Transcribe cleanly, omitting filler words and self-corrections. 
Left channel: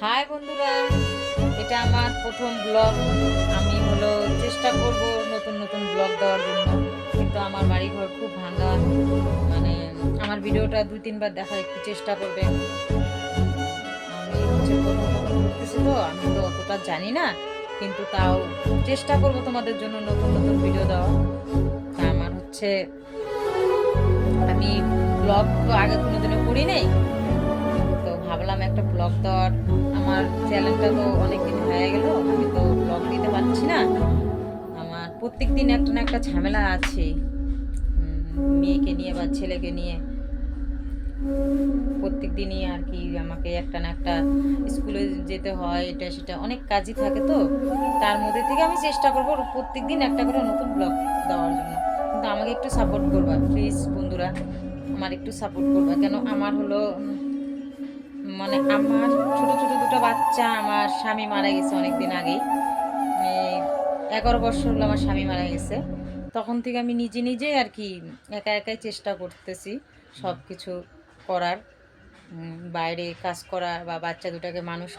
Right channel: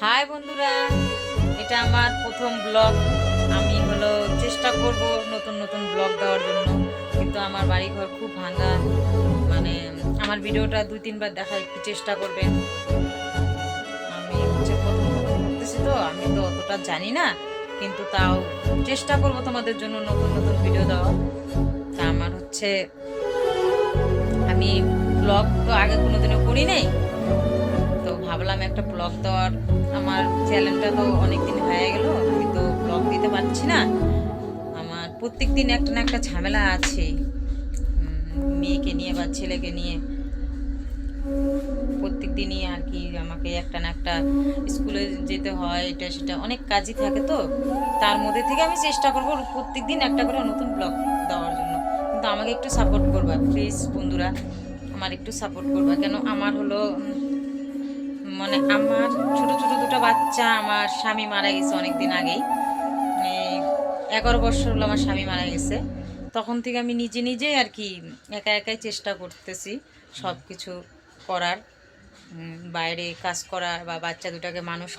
High বন্ধুরা, এটা আমার প্রথম ব্লগ। আমি চেষ্টা করব নতুন নতুন ব্লগ দেওয়ার জন্য, কিন্তু আমার বাড়িঘর খুব ভাঙা। মানে আমার ভিডিওটা 2-3 বার দেখা একটু চেষ্টা করবেন। আমি প্রথম প্রথম করতেছি, তো আমি তো অতটা জানি না, কিন্তু তাও চেষ্টা করব তোমাদের জন্য নতুন নতুন ভিডিও দেওয়ার। তা আমার আমি ব্লগ তো আগে কোনোদিনও করি নাই, তো ভাবলাম একটা ব্লগ দেওয়ার। আমার চ্যানেলটা তো অনেক দিন হয়ে গেল, আমি তো ব্লগ দিতে পারছি না। আমার প্রত্যেক দিন একটা না একটা ঝামেলা আছে, মেয়েকে নিয়ে বা ছেলেকে নিয়ে। প্রত্যেক দিনই আর কি আমাকে একটা না একটা স্কুলে যেতে হয়, এটা সেটা অনেক কাজই থাকে, তো তার মধ্যে থেকে আমি চেষ্টা করবো প্রত্যেক দিন একটা করে নতুন ব্লগ দেওয়ার জন্য। কিন্তু আমাকে একটু সাপোর্ট করবা প্লিজ বন্ধুরা, আমার একটু সাপোর্ট করবা। কেন আমার মানে আমার ছোট ছোট দুটো বাচ্চা, আমার স্বামী মারা গেছে অনেক দিন আগেই। এই 11 বছর হলো আমার স্বামী মারা গেছে। তখন থেকে আমি নিজে নিজেই আর কি একা একাই চেষ্টা করতেছি সব কিছু করার, বাইরে কাজ করার বা বাচ্চা দুটাকে মানুষ